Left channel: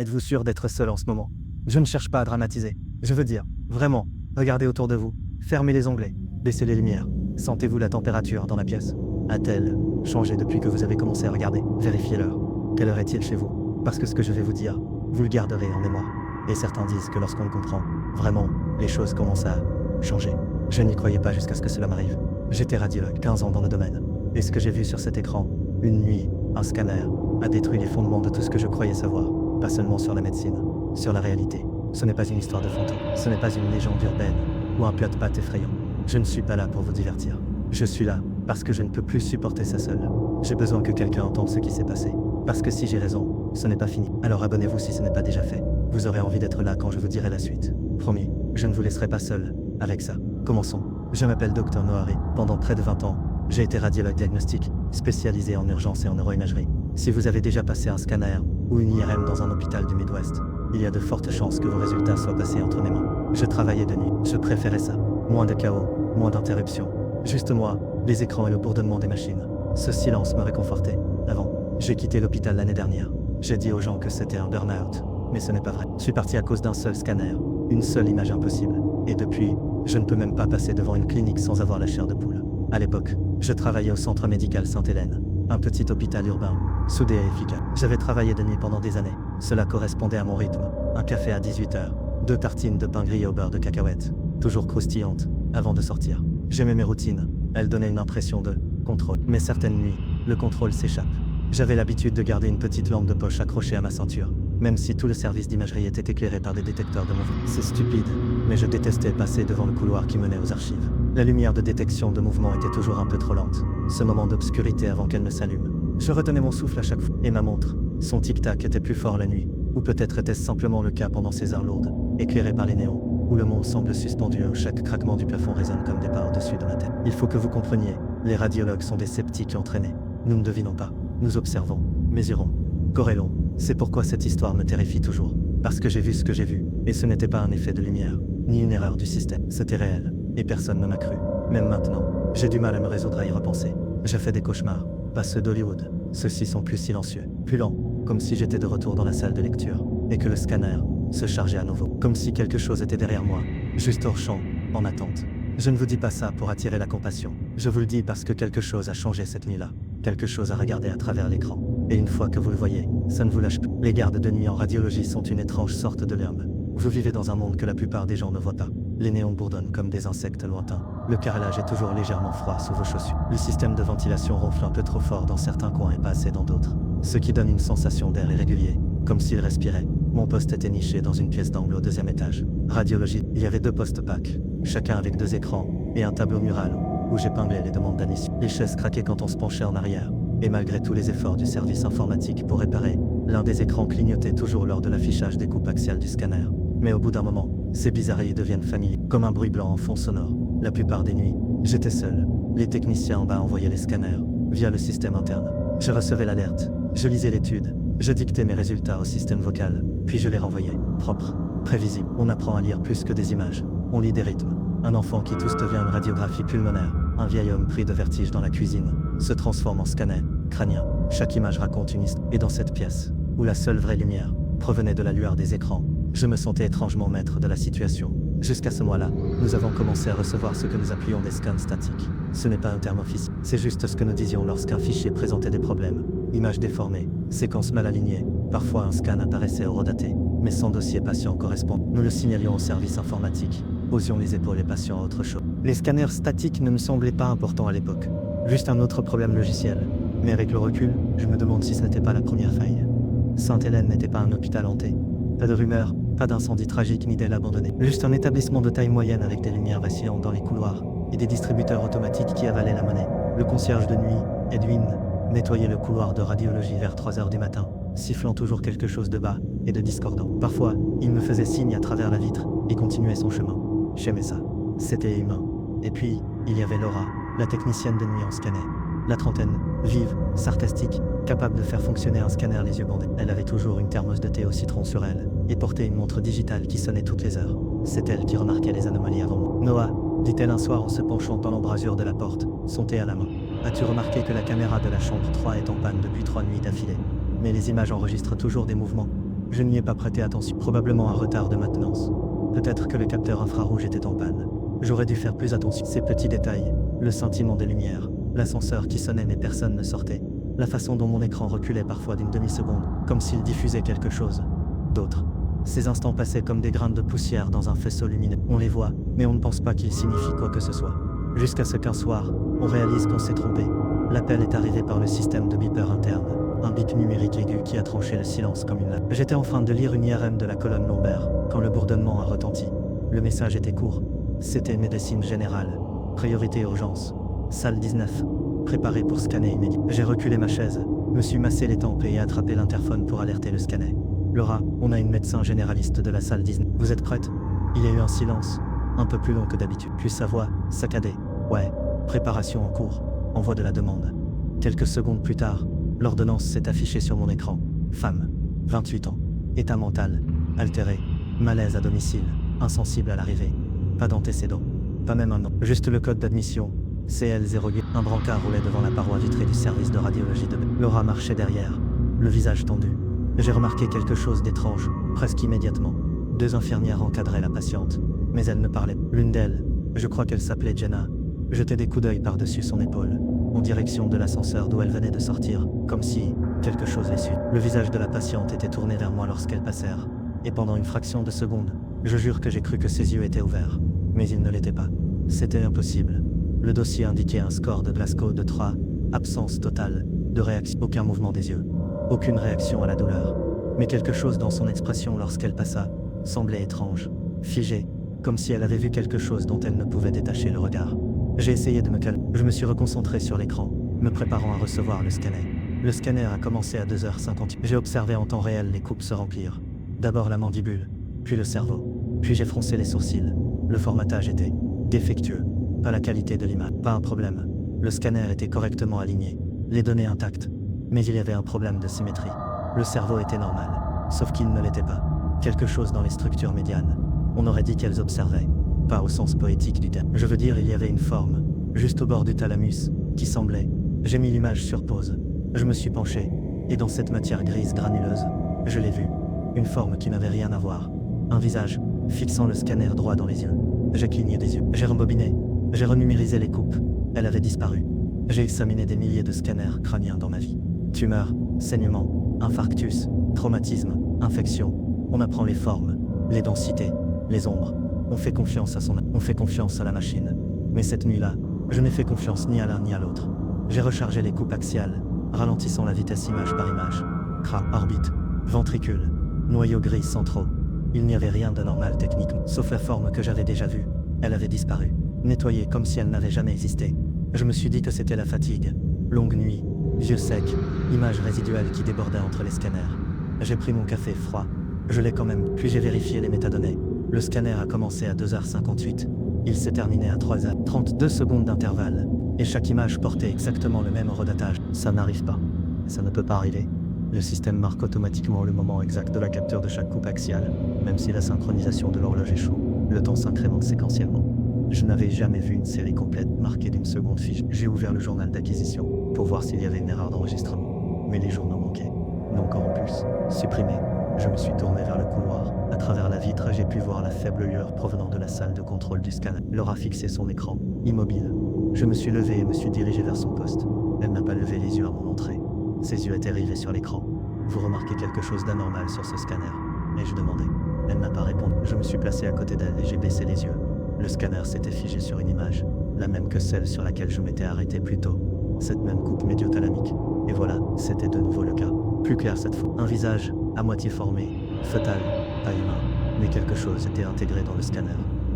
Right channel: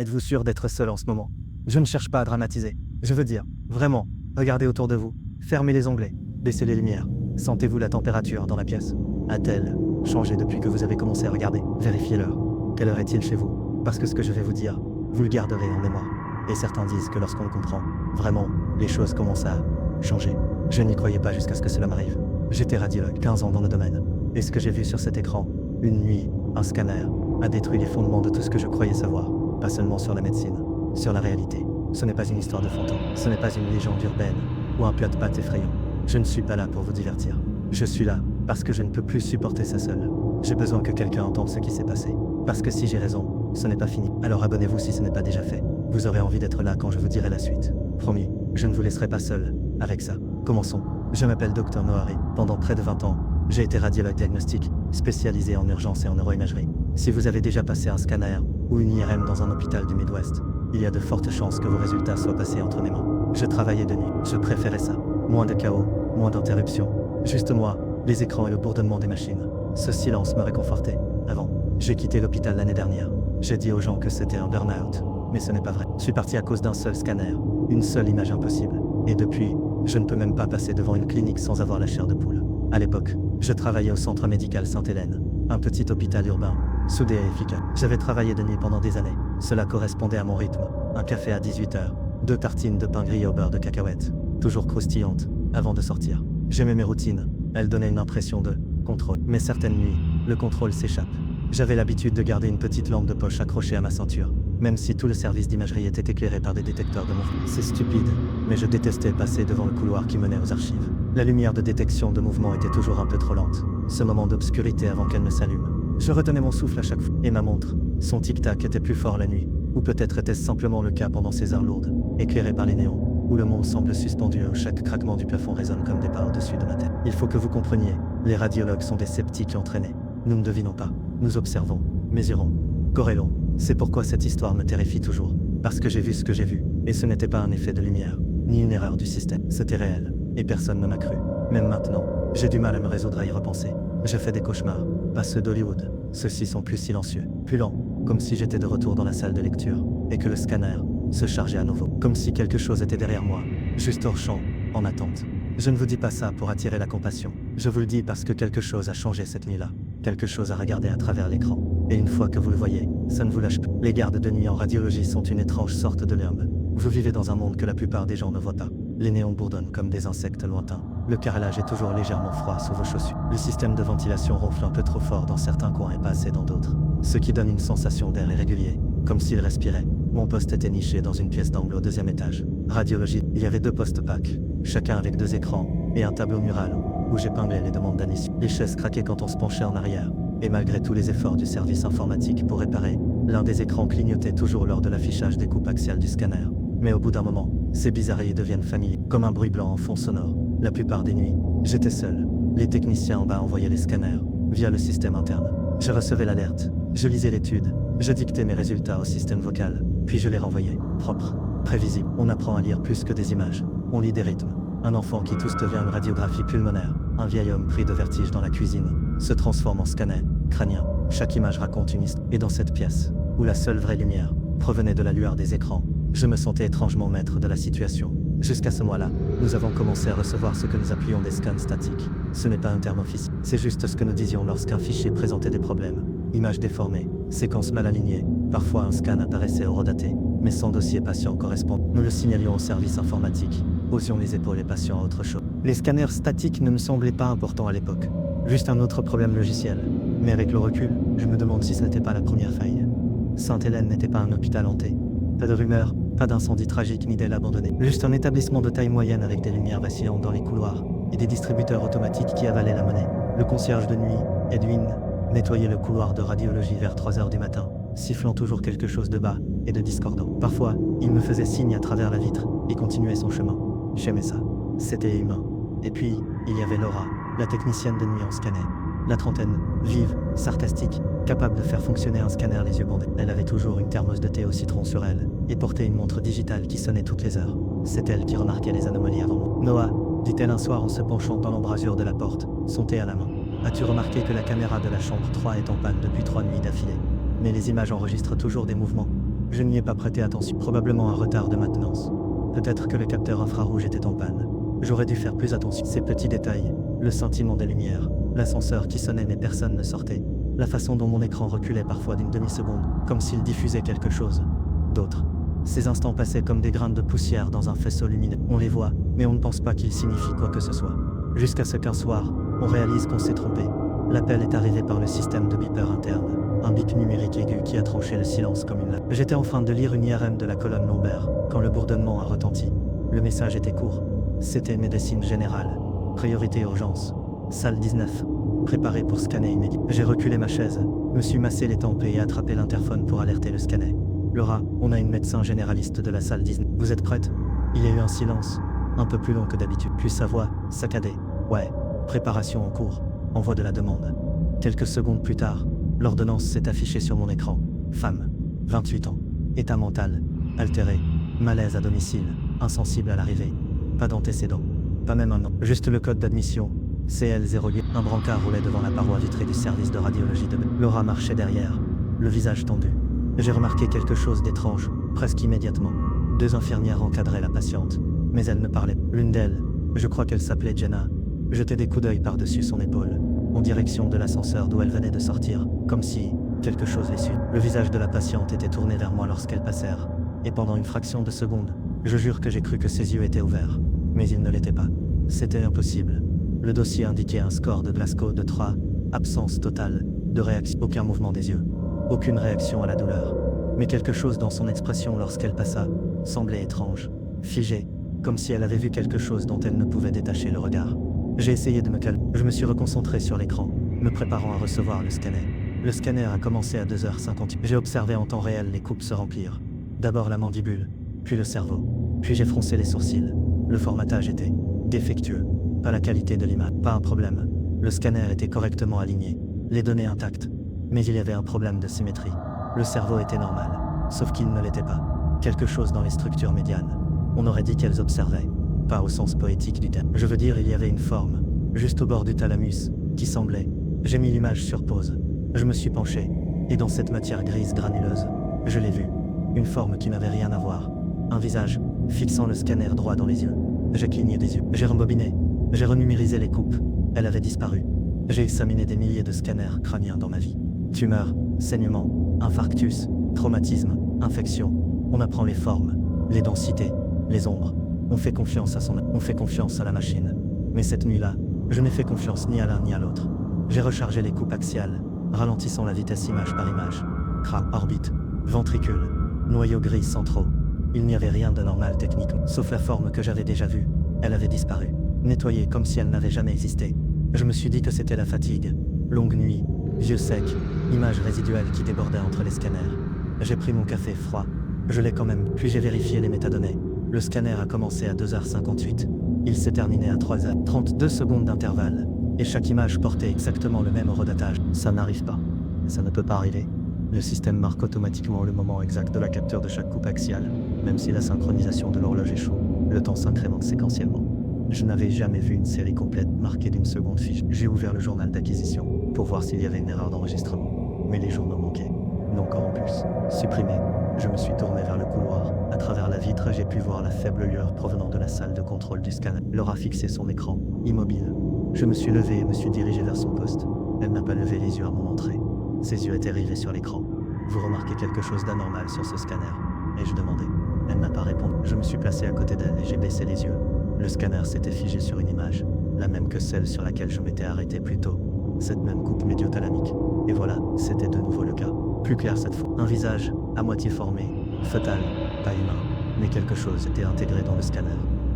Êtes-vous sûr d'être seul en ce moment? Je ne cherche pas à dramatiser. Je veux dire, vraiment, regardez autour de vous, fermez les onglets, baissez les lumières. Sentez-vous la température dans la pièce? A-t-elle changé depuis que vous avez commencé à regarder? Vérifiez l'heure. Quelle heure est-il chez vous? Parce que ce que je vais vous dire, vous le garderez en mémoire. Et certains disent que lorsqu'on le comprend, vraiment, les choses commencent à changer. Je n'y croyais pas jusqu'à ce que cela m'arrive. J'étais radiologue, 15 ans dans le domaine. Et ce que j'ai vu sur cet écran, une nuit, un scanner, a détruit les fondements de tout ce que je croyais savoir. Pas seulement sur la médecine, sur la réalité. Ce n'est pas une histoire de fantôme, ce n'est pas une légende urbaine, ou un plat de pâtes effrayant. Je ne suis pas là pour vous divertir. Je suis là, parce que je ne peux plus supporter ça seul. J'ai besoin que quelqu'un entende ce qui s'est passé. Parce que si j'ai raison, ce n'est pas fini. Alors abonnez-vous si ce n'est pas déjà fait. Vous aurez envie d'être là quand je vous dirai la suite. Promis, je ne vous laisserai pas seul avec ça. Commençons. Je m'appelle Dr Noari. Pendant près de 20 ans, j'ai été radiologue diagnostique, spécialisé en urgence et en neuroimagerie. Si vous avez déjà passé un scanner ou une IRM dans un hôpital du Midwest, il y a de fortes chances que vos résultats soient passés entre mes mains. Je travaillais de nuit, je préférais ça. Moins de chaos, moins d'interruptions. Juste moi, les écrans et le bourdonnement des machines. Ce silence me réconfortait. Avant, j'ai quitté l'hôpital l'année dernière. J'ai dit aux gens que c'était un burn-out, mais ce n'est pas vrai. Je suis parti à cause d'un seul scanner, une seule image impossible. Et depuis, je ne peux même pas passer devant une clinique sans avoir la chair de poule. À l'époque, je travaillais au centre médical Sainte-Hélène, un petit hôpital urbain, soudé et efficace. J'avais travaillé de nuit pendant des années. Cela correspondait à mon rythme. Un café à 18h, 2 tartines de pain grillé au beurre de cacahuètes, toujours croustillantes, avant de sortir. J'aimais mes routines. Elles donnaient une impression de contrôle. Mais certaines nuits, le contrôle s'échappe. J'avais l'habitude de garder une petite lampe de poche accrochée à ma ceinture, même si tout le service d'imagerie était éclairé par des détecteurs de mouvement. C'est stupide, mais je détestais passer devant le couloir qui menait aux archives. La lumière de détection de mouvement était toujours un peu trop lente. Ce moment d'obscurité avant qu'elle ne s'allume. Je retenais mon souffle à chaque fois. Et ma montre, son tic-tac était plus fort la nuit. Ou peut-être était-ce simplement le cas pendant ces heures lourdes, éclairées par les néons, où le monde semble suspendu où chaque craquement du plafond résonne comme des pas au-dessus de ma tête. Il faut que vous compreniez, les radiologues sont des sceptiques entraînés. Nous ne devinons pas, nous observons, mesurons, corrélons. C'est pourquoi cette histoire me terrifie toujours. Parce que j'ai vu ce que j'ai vu, et ce n'était pas un effet de lumière, ni une erreur du système. C'était réel, et personne ne m'a cru. Même maintenant, j'ai du mal à me résoudre à y repenser. Je fais des cauchemars, pas ceux d'Hollywood. Ceux-ci sont plus silencieux, plus lents, comme si j'étais de retour dans la salle de lecture, et que le scanner se chargeait à nouveau, comme si quelque chose était derrière moi, juste hors champ, en attente. Je ne vous dis pas ça pour attirer la compassion. Je vous le dis parce que quelque chose a changé cette nuit-là. Quelque chose à regarder à travers l'écran. Et une fois que vous le voyez, ça ne vous lâche plus. Les gardes de nuit en radiologie sont une étrange sorte de l'herbe. Vous vivez dans un monde que la plupart des gens ne voient pas. Les néons bourdonnent comme des insectes lointains. Le carrelage est toujours légèrement froid sous vos chaussures. Le système de ventilation ronfle un peu trop fort dans certains coins et pas assez dans d'autres. Ce qui donne une sensation d'air irrégulier, comme s'il respirait. Mon poste était niché dans une pièce d'angle au 2e étage. Radiologie, il y avait 2 postes PAC, chacun avec 2 écrans, et un tableau mural, où j'épinglais les demandes d'admission. Les chaises craquaient quand on se penchait en arrière. Et malgré tous les efforts du service informatique pour réparer, l'un des écrans clignotait toujours lors de l'affichage des coupes axiales du scanner. Mais au bout d'un moment, ces bizarreries deviennent familiers, comme un bruit blanc en fond sonore. La plupart des nuits, j'étais seul. Les techniciens en bas envoyaient les scanners, via le système interne. Je recevais l'alerte, je lisais l'étude, je dictais mes résultats au système vocal, puis je les renvoyais, propres, prévisibles. On apprend à lire plus que des images, on lit des rythmes. Un enfant qui tousse devient une radiographie pulmonaire. Un vieil homme pris de vertige dans la cuisine se transforme en scanner crânien. Chaque image raconte une histoire. Et dans cette pièce, où la seule vraie lumière provenait de la lueur des écrans, je me sentais étrangement maître de la situation. Jusqu'à ce mois-là, nous avons commencé à recevoir ce que nous appelions des scans statiques. Ce n'est pas un terme officiel, c'est juste ce que nous disions lorsqu'un fichier présentait des problèmes. Images déformées, séquences mal alignées, parfois un scan apparaissait horodaté, mais sans dossier patient correspondant. Nous le signalions au service informatique, posions les épaules et passions à autre chose. Les scanners statiques ne me semblaient pas importants à l'époque, juste un autre problème logiciel. Mais avec le recul, je me demande si ce n'était pas la première faille. Sainte-Hélène n'était pas un hôpital hanté. Pas de rumeurs, pas d'incendie tragique ni d'aile abandonnée. Juste un établissement de taille moyenne avec des lumières vacillantes dans les couloirs et des distributeurs automatiques qui avalaient la monnaie. Le concierge de nuit, Edwin, nettoyait le couloir de radiologie vers 3h du matin, sifflant toujours quelque chose de bas et de discordant. Parfois, il me faisait signe à travers la vitre et continuait son chemin. J'aimais ça. C'était humain. Et puis, il y avait Laura, la technicienne de nuit en scanner. La trentaine, vive, sarcastique, capable de faire fonctionner un scanner les yeux bandés. Elle avait toujours une thermos de thé au citron sur elle, et portait une montre digitale qui sonnait toutes les heures. C'est elle qui remarquait les anomalies avant moi. Noah, dit-elle un soir en se penchant dans l'embrasure de la porte, son thé à la main. As-tu remarqué que la caméra de la chambre 3 est en panne depuis 3 nuits d'affilée? Mais les images enregistrent toujours des mouvements. Je n'y ai pas prêté attention. Probablement un retard de maintenance. Peut-être que le capteur infrarouge était en panne. J'aurais dû faire plus attention. Ces petits détails, le scintillement des lumières, l'ascenseur qui sonnait mais personne ne sortait, la façon dont mon écran reculait parfois d'une demi-seconde, comme s'il diffusait quelque chose d'autre. Ces instants passaient comme des grains de poussière dans un faisceau lumineux. On les voit, mais on ne pense pas qu'ils signifient quoi que ce soit. Jusqu'à ce qu'un soir, on réalise qu'on s'est trompé. L'appel est arrivé par le système de beeper interne, un bip numérique aigu qui a tranché le silence comme une lame. J'étais en train de lire une IRM de la colonne lombaire, quand le bourdonnement a retenti. Le message était court. C'était médecine générale. Priorité urgence. Salle 19. Préparé pour scanner immédiat. J'ai reculé ma chaise, me suis massé les tempes et attrapé l'interphone pour alerter le scanner. Laura, on a une médecin généraliste de la salle 19. Vous êtes prête? Il y a eu un silence, un peu plus long que d'habitude. Puis sa voix, saccadée. Ouais. Préparation en cours. Envoi de la demande. Quelques secondes plus tard, l'ordonnance s'est affichée sur mon écran. Femme. 28 ans. État mental. Altéré. Malaise à domicile. Insensible à l'arrivée. Pas d'antécédents. Pas même un nom. Juste le code d'admission. CL08. Un brancard roulait devant la paroi vitrée du service de radiologie de B. Laura marchait derrière, le visage tendu. J'ai remarqué quelque chose d'étrange, presque immédiatement. 2 infirmières encadraient la patiente, mais elles ne parlaient pas. L'une d'elles, je crois qu'elle s'appelait Jenna, jetait des coups d'œil par-dessus son épaule, en direction de l'ascenseur d'où elle venait de sortir, comme si quelque chose les suit. Le visage de la patiente était tourné vers moi lorsqu'elles passèrent, et pendant une fraction de seconde, je jure que j'ai cru que ses yeux étaient ouverts. Mais ils ne l'étaient pas. C'était impossible. Le dossier indiquait un score de Glasgow de 3, absence totale de réaction, aucun mouvement des yeux, aucune réaction à la douleur. Mais quelque chose dans son expression lorsqu'elle passa semblait étrange, figé, comme si elle avait vu quelque chose dont elle ne pouvait détacher le regard. J'ai essayé de me calmer. Je me suis reconcentré sur l'écran, me préparant à recevoir le scanner. Le scanner a commencé à 2h58. J'ai observé en temps réel les coupes se remplir. D'abord la mandibule, puis le cerveau. Puis j'ai froncé les sourcils. Le formatage était défectueux. Pas la qualité de l'image, pas un problème. Le scanner était correctement aligné, les données intactes. Mais il y avait un problème de symétrie. Le cerveau était normal, sauf qu'il ne l'était pas. Quelque chose dans les structures médianes. On aurait dit qu'elles observaient. Pas au sens poétique du terme. Je veux dire, il y avait une forme, juste au bord du thalamus, qui semblait. J'ai mis l'image sur pause. Je me suis penché, et dans cette matière grise granuleuse, je l'ai vue. Une forme qui n'avait rien à voir. Un visage, fixant le scanner droit dans les yeux. J'ai cligné des yeux. J'ai rembobiné. J'ai renumérisé les coupes. Elle avait disparu. J'ai examiné des milliers de scanners crâniens dans ma vie. Tumeur, saignement, infarctus, traumatisme, infection. On apprend les formes, les densités, les ombres. On fait confiance à la machine. Mais cette nuit-là, je n'ai fait confiance ni à l'un ni à l'autre. J'ai rechargé les coupes axiales, ralentissant la vitesse image par image. Crâne, orbite, ventricule, noyaux gris centraux. Il n'y avait rien d'anormal techniquement, sauf la forme que j'avais déjà vue. Elle avait disparu, nettoyée comme si elle n'avait jamais existé. Je me suis dit que c'était la fatigue. Longue nuit, yeux secs, images résiduelles qui débordaient entre les scanners. J'ai pris mon café froid. Je l'ai quand même, puis j'ai vérifié les métadonnées. Le scanner a commencé à 2h58. Il s'est terminé à 3h. 32 secondes d'intervalle. Et chaque image portait exactement le même horodatage. Ça n'arrive pas. Ça ne peut pas arriver. Le système marque automatiquement le moment exact de la capture de chaque coupe axiale. Même si la synchronisation de l'horloge échoue, le temps s'incrémente séquentiellement. Je n'avais jamais vu une série complète marquée d'une seconde fiche. J'ai ouvert le journal d'acquisition pour voir s'il y avait une erreur d'enregistrement. Mais les journaux manquaient. Non corrompus. Supprimés. Je me suis tourné vers le couloir. À travers la vitre, j'ai pu voir la faible lueur provenant de la salle de contrôle du scanner. Laura fixait son écran, immobile. Je me suis levé et me suis dirigé vers son poste. Elle n'a pas levé les yeux à mon entrée. Ses yeux étaient rivés sur l'écran. Vous remarquez quelque chose d'anormal sur ce scanner? Ai-je demandé. Elle n'a pas répondu. Je me suis placé à côté d'elle et j'ai baissé les yeux. Le scanner s'était figé sur une image, la même que celle sur laquelle je m'étais arrêté plus tôt. Cette même coupe médiothalamique. Et voilà, c'était de nouveau le cas. Plus clair cette fois. Un visage, à moitié formé, fœtal, pas humain, mais quelque chose était intégré dans le scanner.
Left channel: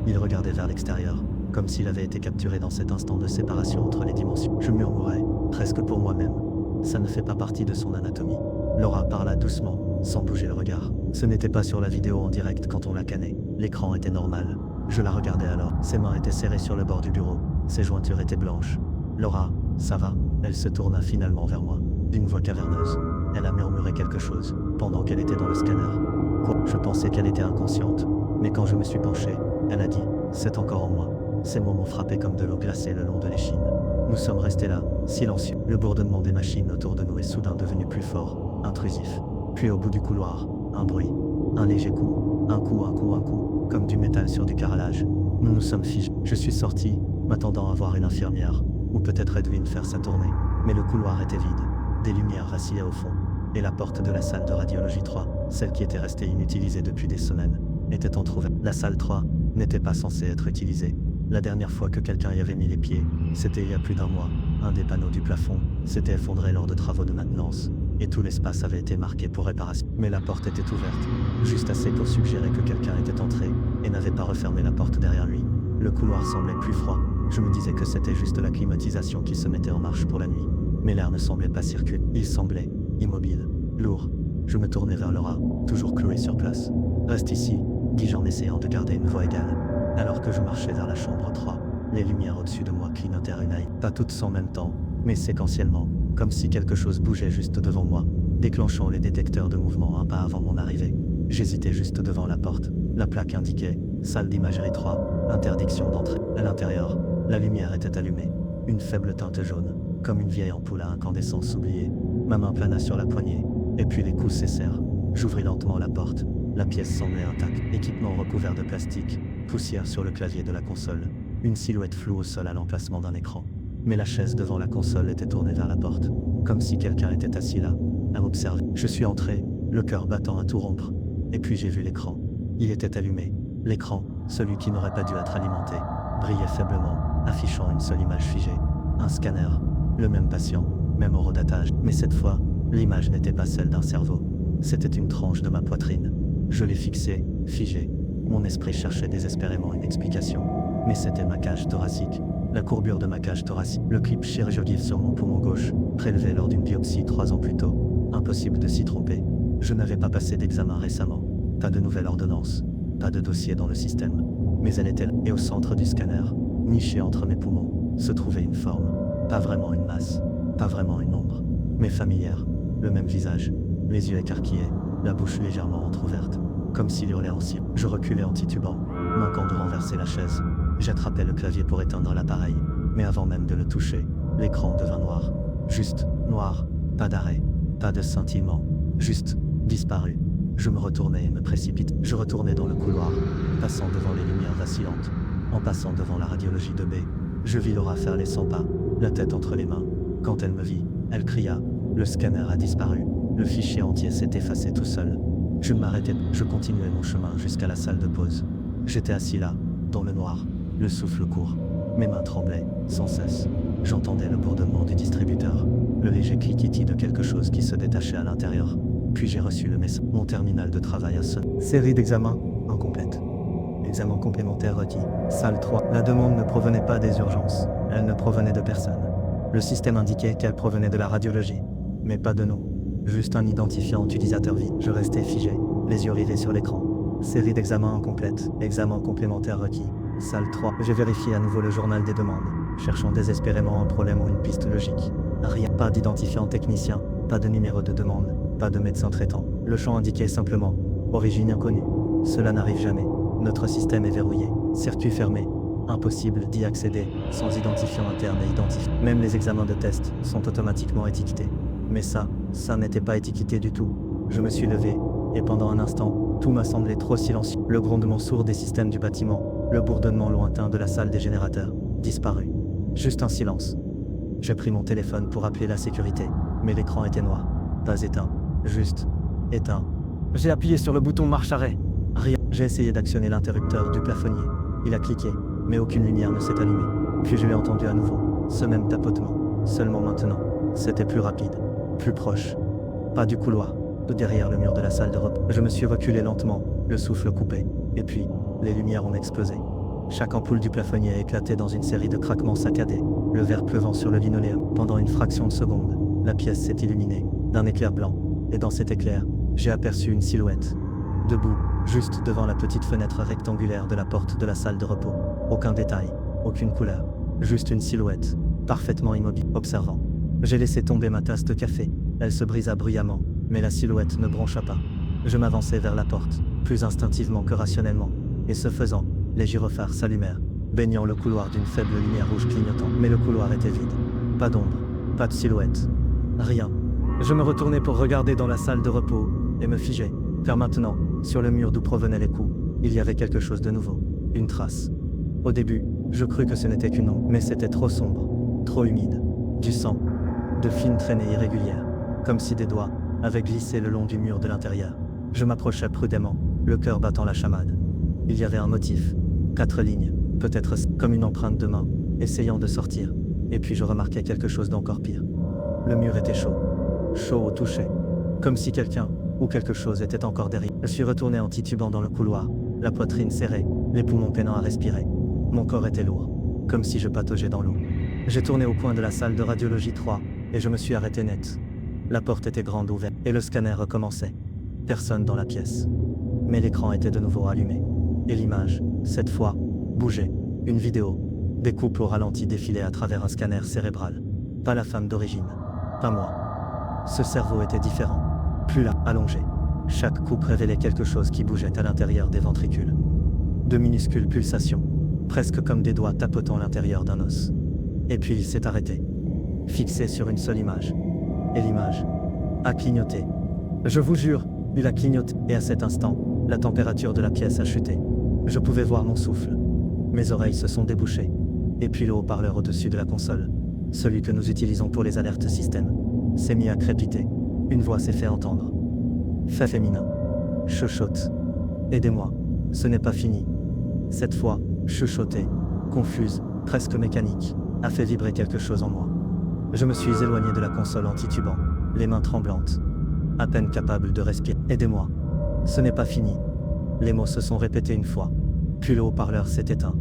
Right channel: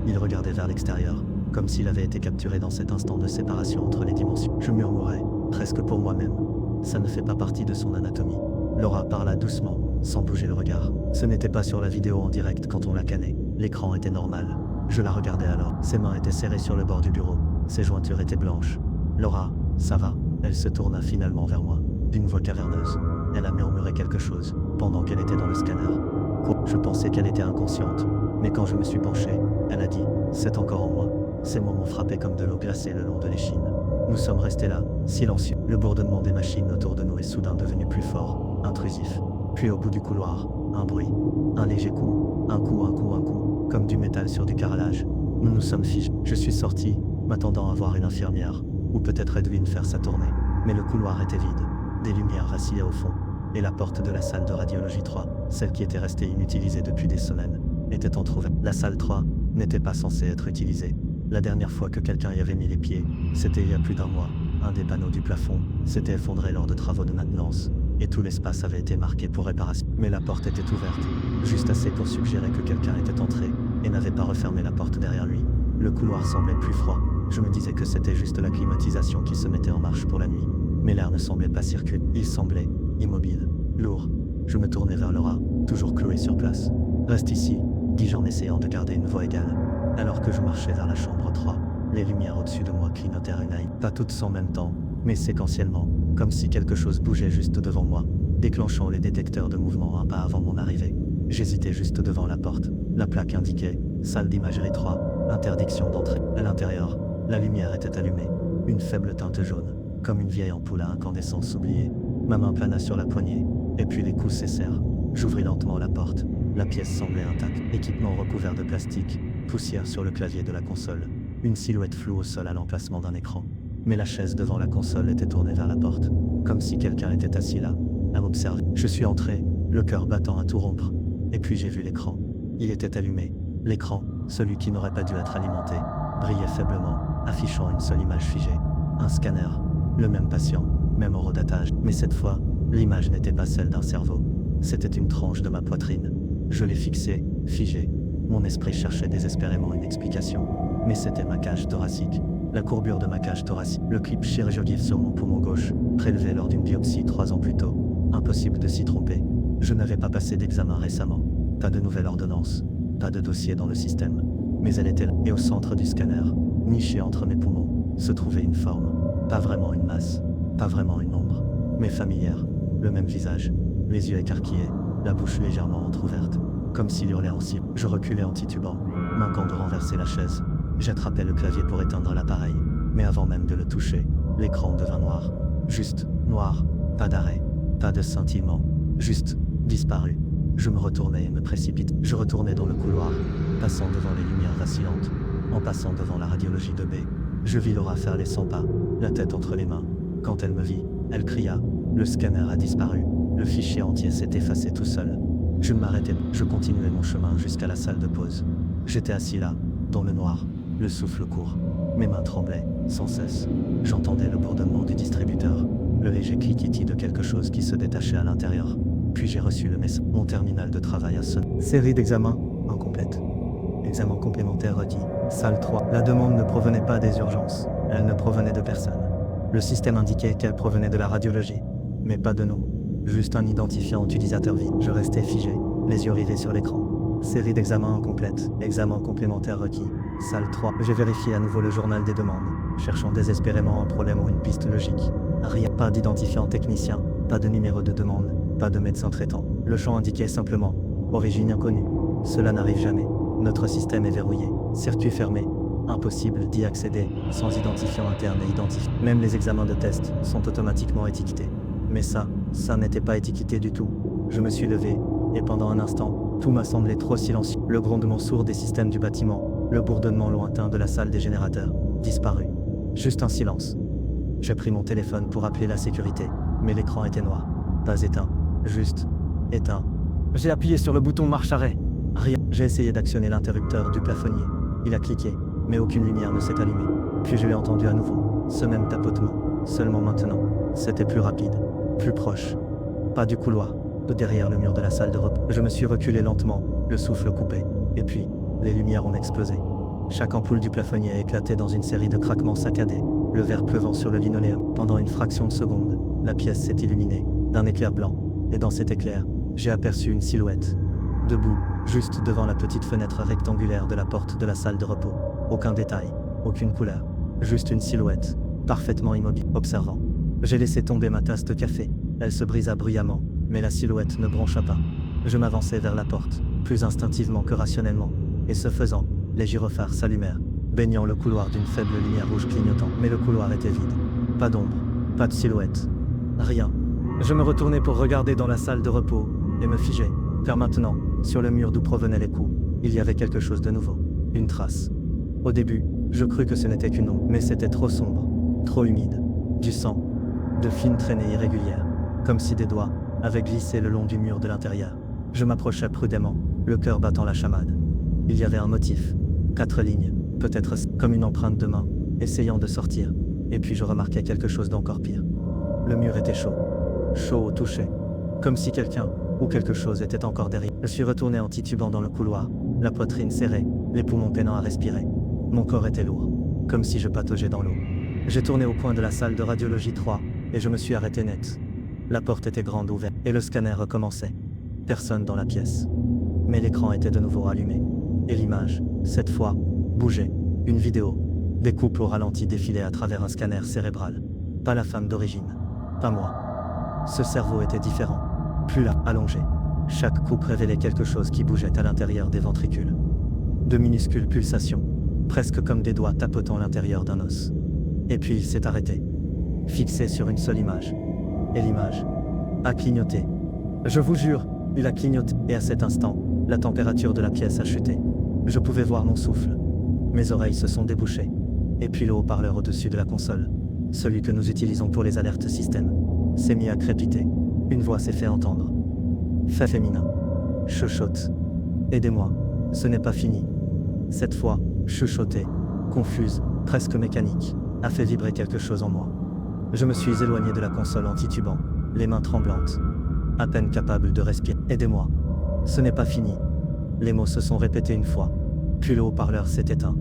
Il regardait vers l'extérieur, comme s'il avait été capturé dans cet instant de séparation entre les dimensions. Je murmurais, presque pour moi-même. Ça ne fait pas partie de son anatomie. Laura parla doucement, sans bouger le regard. Ce n'était pas sur la vidéo en direct quand on la cannait. L'écran était normal. Je la regardais alors. Ses mains étaient serrées sur le bord du bureau. Ses jointures étaient blanches. Laura, ça va? Elle se tourna finalement vers moi, d'une voix caverneuse. Elle a murmuré quelque chose, pendant qu'elle était dans le scanner. Quoi? Je pensais qu'elle était inconsciente. Mais quand je me suis penché, elle a dit « C'est encore en moi ». Ces mots m'ont frappé comme de l'eau glacée le long de l'échine. Nous sommes restés là, silencieux. Le bourdonnement des machines autour de nous est soudain devenu plus fort, intrusif. Puis au bout du couloir, Un bruit. Un léger coup. Un coup, comme du métal sur du carrelage. Nous nous sommes figés. Je suis sorti, m'attendant à voir une infirmière, ou peut-être Edwin faire sa tournée. Mais le couloir était vide. Des lumières vacillaient au fond. Et la porte de la salle de radiologie 3, celle qui était restée inutilisée depuis des semaines, était entrouverte. La salle 3 n'était pas censée être utilisée. La dernière fois que quelqu'un y avait mis les pieds, c'était il y a plus d'un mois. Un des panneaux du plafond s'était effondré lors de travaux de maintenance, et tout l'espace avait été marqué pour réparation. Mais la porte était ouverte, juste assez pour suggérer que quelqu'un était entré, et n'avait pas refermé la porte derrière lui. Le couloir semblait plus froid. Je me disais que c'était juste la climatisation qui se mettait en marche pour la nuit. Mais l'air ne semblait pas circuler. Il semblait immobile, lourd. Je me tournai vers Laura, toujours clouée sur place. « Reste ici », dis-je en essayant de garder une voix égale. Alors que je marchais vers la chambre 3, les lumières au-dessus de moi clignotèrent une aille. Pas toutes en même temps, mais séquentiellement, comme si quelque chose bougeait juste devant moi, déclenchant les détecteurs de mouvement un pas avant mon arrivée. J'hésitais juste devant la porte. La plaque indiquait « Salle d'imagerie 3, interdiction d'entrée ». À l'intérieur, la lumière était allumée. Une faible teinte jaune, comme une vieille ampoule à incandescence oubliée. Ma main plana sur la poignée, et puis les coups cessèrent. J'ouvris lentement la porte. La pièce semblait intacte. Équipement recouvert de plastique, poussière sur le clavier de la console, une silhouette floue au sol à l'emplacement d'un écran. Mais la chaise devant la console était tournée vers la porte, comme si quelqu'un était assis là, à m'observer. Je suis entré, le cœur battant à tout rompre. Et puis j'ai vu l'écran. Il était allumé. L'écran, celui qui n'aurait pas dû être alimenté, brillait faiblement, affichant une seule image figée. Un scanner. Le même patient, même horodatage. Mais cette fois, l'image n'était pas celle d'un cerveau. C'était une tranche de ma poitrine. Je l'ai fixée, figée. Mon esprit cherchait désespérément une explication. Mais c'était ma cage thoracique. La courbure de ma cage thoracique. Le clip chirurgical sur mon poumon gauche, prélevé lors d'une biopsie 3 ans plus tôt. Impossible de s'y tromper. Je n'avais pas passé d'examen récemment. Pas de nouvelle ordonnance. Pas de dossier dans le système. Mais elle était là. Et au centre du scanner, niché entre mes poumons, se trouvait une forme. Pas vraiment une masse. Pas vraiment une ombre. Mais familière. Le même visage. Les yeux écarquillés. La bouche légèrement entr'ouverte. Comme s'il hurlait en cible. Je reculais en titubant, manquant de renverser la chaise. J'attrapais le clavier pour éteindre l'appareil. Mais avant même de le toucher, l'écran devint noir. Juste noir. Pas d'arrêt. Pas de scintillement. Juste disparu. Je me retournais et me précipitais. Je retournais dans le couloir, passant devant les lumières vacillantes. En passant devant la radiologie 2B, je vis Laura faire les 100 pas, la tête entre les mains. Quand elle me vit, elle cria. Le scanner a disparu. Le fichier entier s'est effacé tout seul. Je ne m'arrêtais pas. Je continuais mon chemin jusqu'à la salle de pause. J'étais assis là, dans le noir, le souffle court. Mes mains tremblaient, sans cesse. J'entendais le bourdonnement du distributeur, le léger cliquetis de quelque chose qui se détachait à l'intérieur. Puis j'ai reçu le message. Mon terminal de travail a sonné. Série d'examens incomplète. Examen complémentaire requis. Salle 3. La demande ne provenait pas des urgences. Elle ne provenait de personne. Le système indiquait qu'elle provenait de la radiologie. Mais pas de nous. Juste un identifiant utilisateur vide. Je restais figé, les yeux rivés sur l'écran. Série d'examens incomplète. Examen complémentaire requis. Salle 3. J'ai vérifié à nouveau le journal des demandes, cherchant désespérément un problème ou une piste logique. Rien. Pas d'identifiant technicien. Pas de numéro de demande. Pas de médecin traitant. Le champ indiquait simplement « Origine inconnue ». Cela n'arrive jamais. Notre système est verrouillé. Circuit fermé. Impossible d'y accéder sans identifiant interne et identifié. Même les examens de test sont automatiquement étiquetés. Mais ça n'était pas étiqueté du tout. Je me suis levé, et pendant un instant, tout m'a semblé trop silencieux. Le grondement sourd des systèmes du bâtiment, le bourdonnement lointain de la salle des générateurs, disparu. Juste un silence. J'ai pris mon téléphone pour appeler la sécurité, mais l'écran était noir. Pas éteint, juste éteint. J'ai appuyé sur le bouton marche-arrêt. Rien. J'ai essayé d'actionner l'interrupteur du plafonnier. Il a cliqué, mais aucune lumière ne s'est allumée. Puis je l'ai entendu à nouveau. Ce même tapotement. Seulement maintenant, c'était plus rapide, plus proche. Pas du couloir, de derrière le mur de la salle de repos. Je me suis reculé lentement, le souffle coupé. Et puis, les lumières ont explosé. Chaque ampoule du plafonnier a éclaté dans une série de craquements saccadés, le verre pleuvant sur le linoléum. Pendant une fraction de seconde, la pièce s'est illuminée d'un éclair blanc. Et dans cet éclair, j'ai aperçu une silhouette. Debout, juste devant la petite fenêtre rectangulaire de la porte de la salle de repos. Aucun détail, aucune couleur. Juste une silhouette, parfaitement immobile, observant. J'ai laissé tomber ma tasse de café. Elle se brisa bruyamment, mais la silhouette ne broncha pas. Je m'avançai vers la porte, plus instinctivement que rationnellement. Et ce faisant, les gyrophares s'allumèrent, baignant le couloir d'une faible lumière rouge clignotante. Mais le couloir était vide. Pas d'ombre, pas de silhouette. Rien. Je me retournai pour regarder dans la salle de repos, et me figeai, Car maintenant, sur le mur d'où provenaient les coups, il y avait quelque chose de nouveau. Une trace. Au début, je crus que ce n'était qu'une ombre, mais c'était trop sombre, trop humide. Du sang. De fines traînées irrégulières. Comme si des doigts avaient glissé le long du mur de l'intérieur. Je m'approchais prudemment, le cœur battant la chamade. Il y avait un motif. 4 lignes, peut-être comme une empreinte de main, essayant de sortir. Et puis je remarquais quelque chose d'encore pire. Le mur était chaud. Chaud au toucher. Comme si quelqu'un ou quelque chose était encore derrière. Je suis retourné en titubant dans le couloir, la poitrine serrée, les poumons peinant à respirer. Mon corps était lourd, comme si je pataugeais dans l'eau. J'ai tourné au coin de la salle de radiologie 3, et je me suis arrêté net. La porte était grande ouverte, et le scanner recommençait. Personne dans la pièce. Mais l'écran était de nouveau allumé. Et l'image, cette fois, bougeait. Une vidéo. Des couples au ralenti défilaient à travers un scanner cérébral. Pas la femme d'origine. Pas moi. Ce cerveau était différent. Plus là, allongé. Chaque coupe révélait quelque chose qui bougeait à l'intérieur des ventricules. De minuscules pulsations, presque comme des doigts tapotant l'intérieur d'un os. Et puis il s'est arrêté. Fixé sur une seule image. Et l'image a clignoté. Je vous jure, il a clignoté. Et à cet instant, la température de la pièce a chuté. Je pouvais voir mon souffle. Mes oreilles se sont débouchées. Et puis le haut-parleur au-dessus de la console, celui que nous utilisons pour les alertes système, s'est mis à crépiter. Une voix s'est fait entendre. Fait féminin. Chuchote. Aidez-moi. Ce n'est pas fini. Cette fois, chuchotée, confuse, presque mécanique, a fait vibrer quelque chose en moi. Je me suis éloigné de la console en titubant, les mains tremblantes. À peine capable de respirer. Aidez-moi. Ce n'est pas fini. Les mots se sont répétés une fois. Puis le haut-parleur s'est éteint.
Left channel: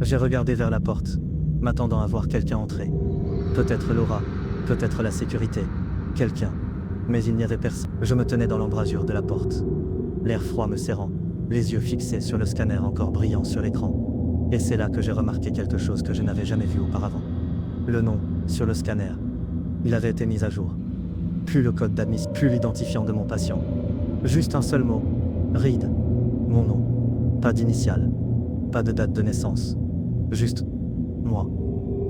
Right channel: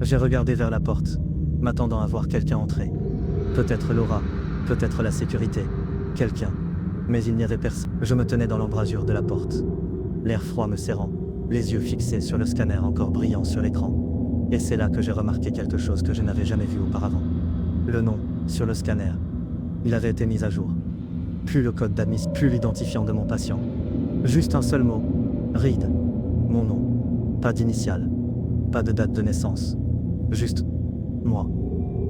J'ai regardé vers la porte, m'attendant à voir quelqu'un entrer. Peut-être Laura, peut-être la sécurité, quelqu'un. Mais il n'y avait personne. Je me tenais dans l'embrasure de la porte. L'air froid me serrant, les yeux fixés sur le scanner encore brillant sur l'écran. Et c'est là que j'ai remarqué quelque chose que je n'avais jamais vu auparavant. Le nom, sur le scanner. Il avait été mis à jour. Plus le code d'admission, plus l'identifiant de mon patient. Juste un seul mot. Reed. Mon nom. Pas d'initiale. Pas de date de naissance. Juste moi.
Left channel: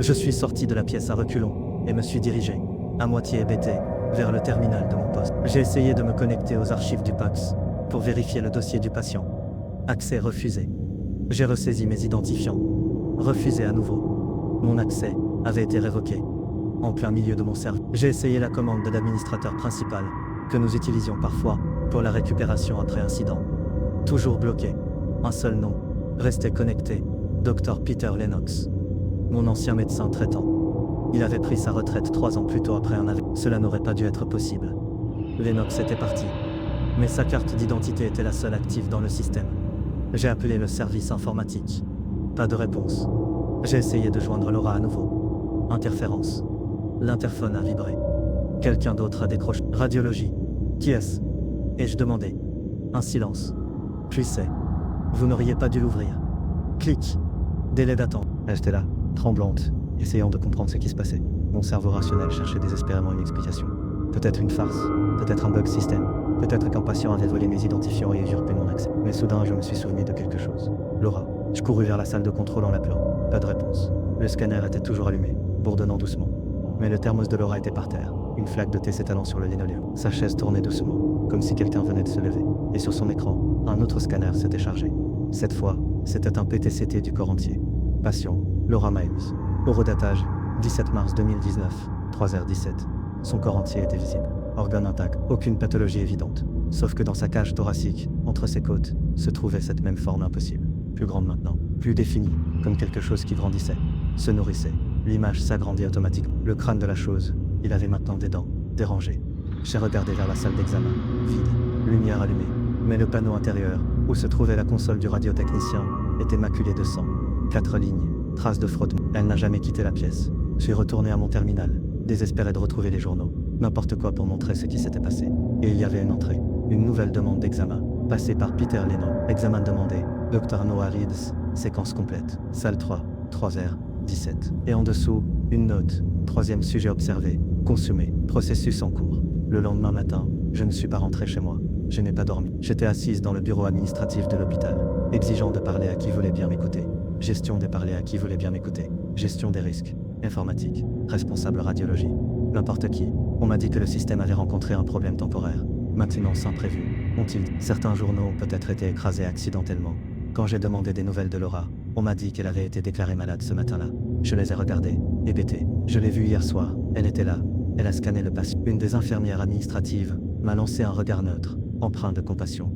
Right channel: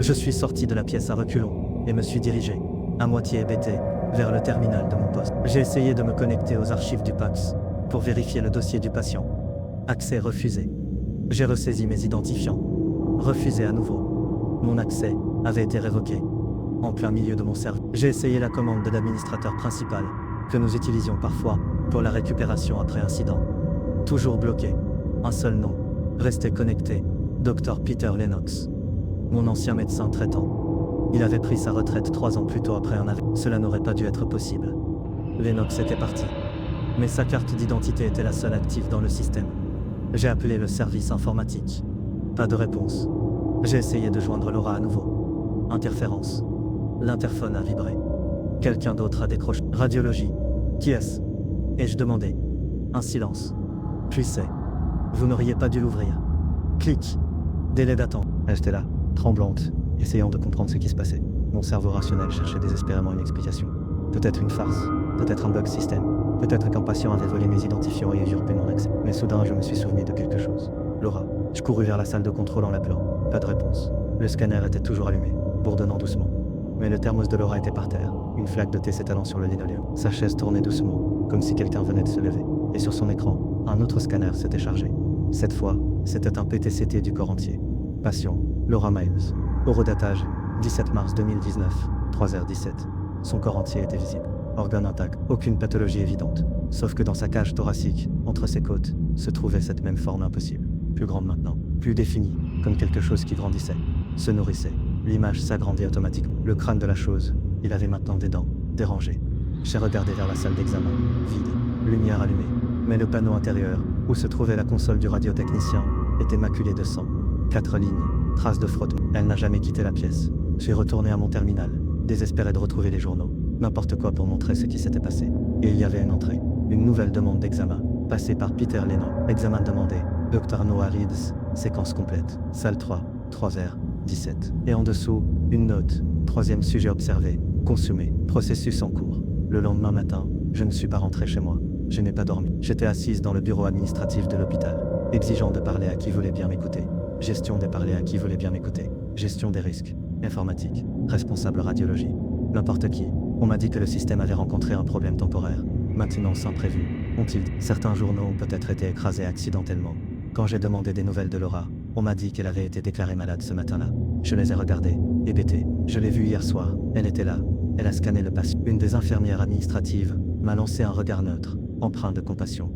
Je suis sorti de la pièce à reculons et me suis dirigé, à moitié hébété, vers le terminal de mon poste. J'ai essayé de me connecter aux archives du PAX pour vérifier le dossier du patient. Accès refusé. J'ai ressaisi mes identifiants. Refusé à nouveau. Mon accès avait été révoqué. En plein milieu de mon cerveau. J'ai essayé la commande de l'administrateur principal, que nous utilisions parfois pour la récupération après incident. Toujours bloqué. Un seul nom. Resté connecté. Dr Peter Lennox. Mon ancien médecin traitant. Il avait pris sa retraite 3 ans plus tôt après un AVC. Cela n'aurait pas dû être possible. Lennox était parti. Mais sa carte d'identité était la seule active dans le système. J'ai appelé le service informatique. Pas de réponse. J'ai essayé de joindre Laura à nouveau. Interférence. L'interphone a vibré. Quelqu'un d'autre a décroché. Radiologie. Qui est-ce? Ai-je demandé. Un silence. Puis c'est. Vous n'auriez pas dû l'ouvrir. Clic. Délai d'attente. J'étais là, tremblante, essayant de comprendre ce qui se passait. Mon cerveau rationnel cherchait désespérément une explication. Peut-être une farce, peut-être un bug système, peut-être qu'un patient avait volé mes identifiants et usurpé mon accès. Mais soudain, je me suis souvenu de quelque chose. Laura. Je courus vers la salle de contrôle en l'appelant. Pas de réponse. Le scanner était toujours allumé, bourdonnant doucement. Mais le thermos de Laura était par terre, une flaque de thé s'étalant sur le linoléum. Sa chaise tournait doucement, comme si quelqu'un venait de se lever. Et sur son écran, un autre scanner s'était chargé. Cette fois, c'était un PTCT du corps entier. Patient, Laura Miles. Horodatage, 17 mars 2019, 3h17. Son corps entier était visible. Organes intacts, aucune pathologie évidente. Sauf que dans sa cage thoracique, entre ses côtes, se trouvait cette même forme impossible. Plus grande maintenant, plus définie, comme quelque chose qui grandissait, se nourrissait. L'image s'agrandit automatiquement. Le crâne de la chose, il avait maintenant des dents, dérangées. J'ai regardé vers la salle d'examen, vide, lumière allumée. Mais le panneau intérieur, où se trouvait la console du radiotechnicien, était maculé de sang. 4 lignes, traces de frottement. Elle n'a jamais quitté la pièce. J'ai retourné à mon terminal, désespéré de retrouver les journaux. N'importe quoi pour montrer ce qui s'était passé. Et il y avait une entrée. Une nouvelle demande d'examen, passée par Peter Lennox. Examen demandé, Dr Noah Reeds, séquence complète. Salle 3, 3h17. Et en dessous, une note. 3e sujet observé, consommé, processus en cours. Le lendemain matin, je ne suis pas rentré chez moi. Je n'ai pas dormi. J'étais assise dans le bureau administratif de l'hôpital, exigeant de parler à qui voulait bien m'écouter. Gestion des parler à qui voulait bien m'écouter. Gestion des risques. Informatique. Responsable radiologie. N'importe qui. On m'a dit que le système avait rencontré un problème temporaire. Maintenance imprévue. ont-ils dit. Certains journaux ont peut-être été écrasés accidentellement. Quand j'ai demandé des nouvelles de Laura, on m'a dit qu'elle avait été déclarée malade ce matin-là. Je les ai regardées, hébétées. Je l'ai vue hier soir, elle était là. Elle a scanné le patient. Une des infirmières administratives m'a lancé un regard neutre, empreint de compassion.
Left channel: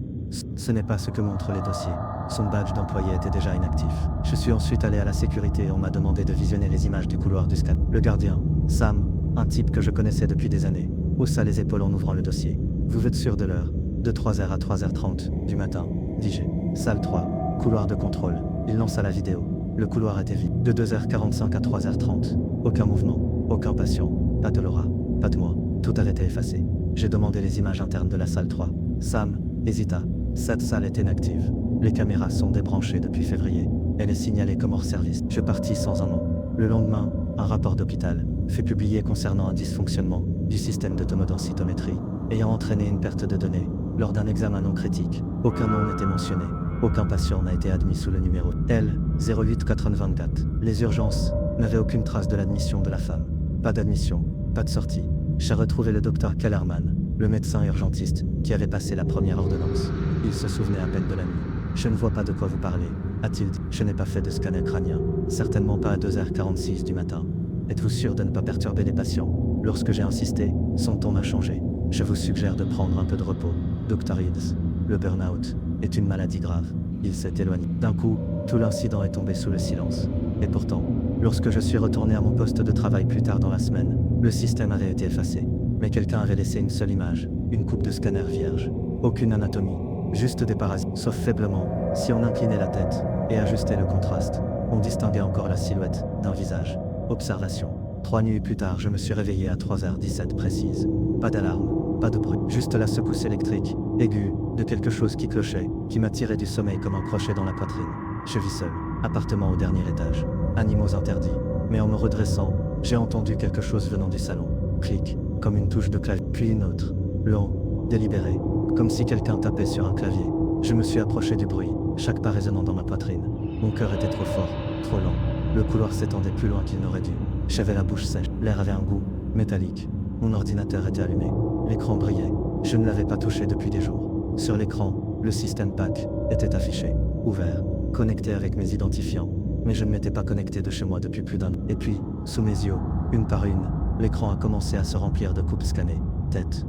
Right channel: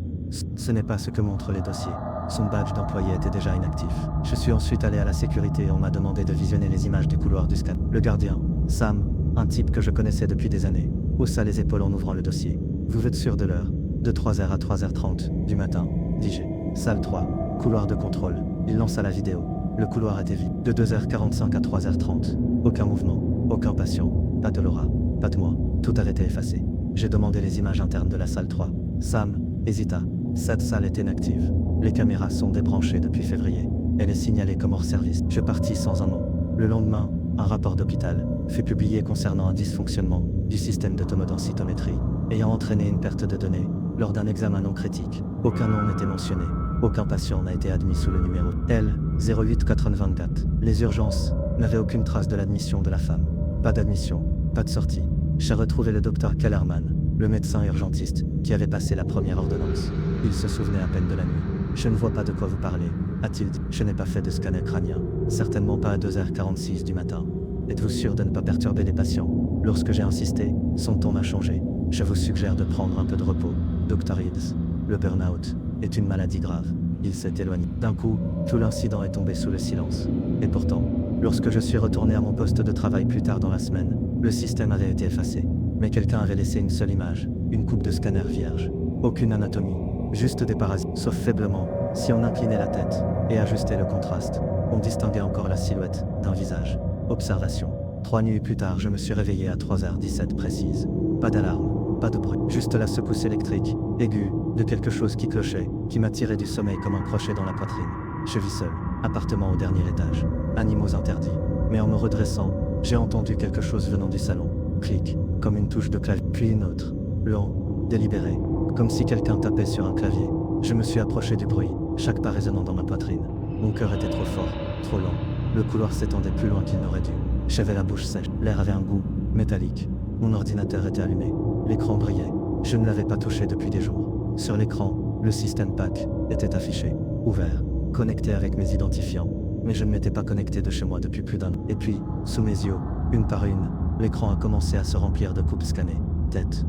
Ce n'est pas ce que montrent les dossiers. Son badge d'employé était déjà inactif. Je suis ensuite allé à la sécurité et on m'a demandé de visionner les images du couloir du scan. Le gardien, Sam, un type que je connaissais depuis des années, haussa les épaules en ouvrant le dossier. Vous êtes sûr de l'heure? De 3h à 3h30 du matin, dis-je. Salle 3, couloir de contrôle. Il lança la vidéo. Le couloir était vide. De 2h45 à 3h30. Aucun mouvement, aucun patient, pas de Laura, pas de moi. Tout avait été effacé. J'ai demandé les images internes de la salle 3. Sam hésita. Cette salle est inactive. Les caméras sont débranchées depuis février. Elle est signalée comme hors service. Je partis sans un mot. Le lendemain, un rapport d'hôpital fut publié concernant un dysfonctionnement du système d'autodensitométrie ayant entraîné une perte de données lors d'un examen non critique. Aucun nom n'était mentionné. Aucun patient n'a été admis sous le numéro L088024. Les urgences n'avaient aucune trace de l'admission de la femme. Pas d'admission, pas de sortie. J'ai retrouvé le docteur Kellerman, le médecin urgentiste, qui avait passé la première ordonnance. Il se souvenait à peine de la nuit. Je ne vois pas de quoi vous parlez, a-t-il dit. Je n'ai pas fait de scanner crânien. Certainement pas à 2h46 du matin. Êtes-vous sûr de ne pas perturber les patients? Lorsque j'ai insisté, son ton m'a changé. Je vous suggère de prendre un peu de repos, Dr. Hills. Le burn-out est une maladie grave. Il s'est éloigné. D'un coup, tout l'incident est tombé sous le silence. Et pourtant, lorsque je suis retourné à mon poste de travail plus tard dans la semaine, le système avait été effacé. Mais quelqu'un avait laissé une seule image, une coupe de scanner vierge. Aucune anatomie, juste des parasites. Sauf faiblement, si on inclinait la tête et ajustait le contraste, on distinguait encore la silhouette d'un visage. Observation. 3 nuits plus tard, je me suis réveillé à 3h17 précise. Pas d'alarme, pas de bruit, juste la secousse électrique, aiguë, de quelque chose qui clochait, qui m'a tiré du sommeil comme un crochet dans la poitrine. Je vis seul, appartement au dernier étage, animaux interdits. Mais en me redressant, j'ai entendu quelque chose venant du salon. Clic, comme une touche de clavier, puis une autre. Lent, délibéré, comme si quelqu'un tapait sur un clavier. Je me suis approché du bruit, chaque pas résonnant dans ma poitrine. Mon cœur était trop fort, trop lent. Le couloir s'étendait plus loin qu'il n'aurait dû. J'avais la bouche sèche, l'air avait un goût métallique. Mon ordinateur était allumé, l'écran brillait. Je ne l'avais pas touché depuis des jours. Sur l'écran, le système PAC était affiché, ouvert, connecté avec mes identifiants. Mais je ne m'étais pas connecté de chez moi depuis plus d'un an. Et puis, sous mes yeux, une par une, l'écran a commencé à se remplir de coupes scannées. Tête,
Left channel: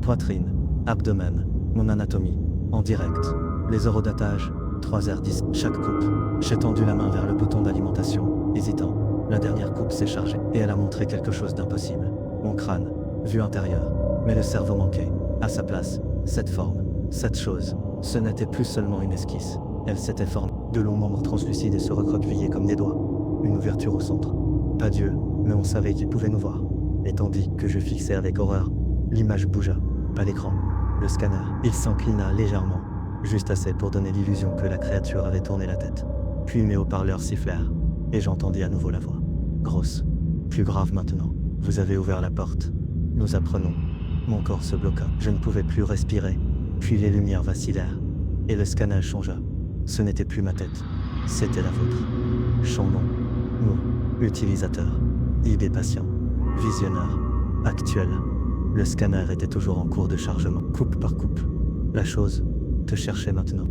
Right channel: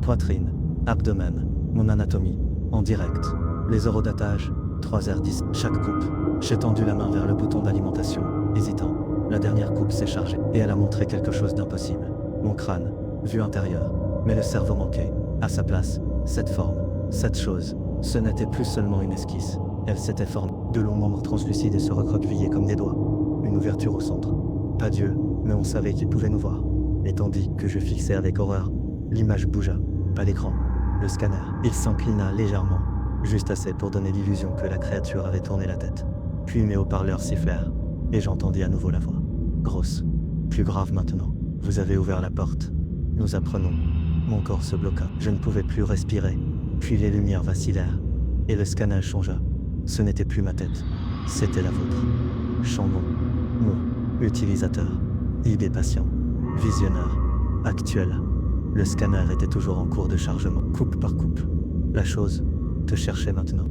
poitrine, abdomen, mon anatomie, en direct. Les horodatage, 3h10, chaque coupe. J'ai tendu la main vers le bouton d'alimentation, hésitant. La dernière coupe s'est chargée, et elle a montré quelque chose d'impossible. Mon crâne, vue intérieure, mais le cerveau manquait. À sa place, cette forme, cette chose, ce n'était plus seulement une esquisse. Elle s'était formée. De longs membres translucides et se recroquevillaient comme des doigts. Une ouverture au centre. Pas Dieu, mais on savait qu'il pouvait nous voir. Et tandis que je fixais avec horreur, l'image bougea. Pas l'écran, le scanner. Il s'inclina légèrement, juste assez pour donner l'illusion que la créature avait tourné la tête. Puis mes haut-parleurs sifflèrent, et j'entendis à nouveau la voix. Grosse. Plus grave maintenant. Vous avez ouvert la porte. Nous apprenons. Mon corps se bloqua. Je ne pouvais plus respirer. Puis les lumières vacillèrent. Et le scanner changea. Ce n'était plus ma tête. C'était la vôtre. Champ nom. Mot. Utilisateur. ID patient. Visionneur. Actuel. Le scanner était toujours en cours de chargement. Coupe par coupe. La chose te cherchait maintenant.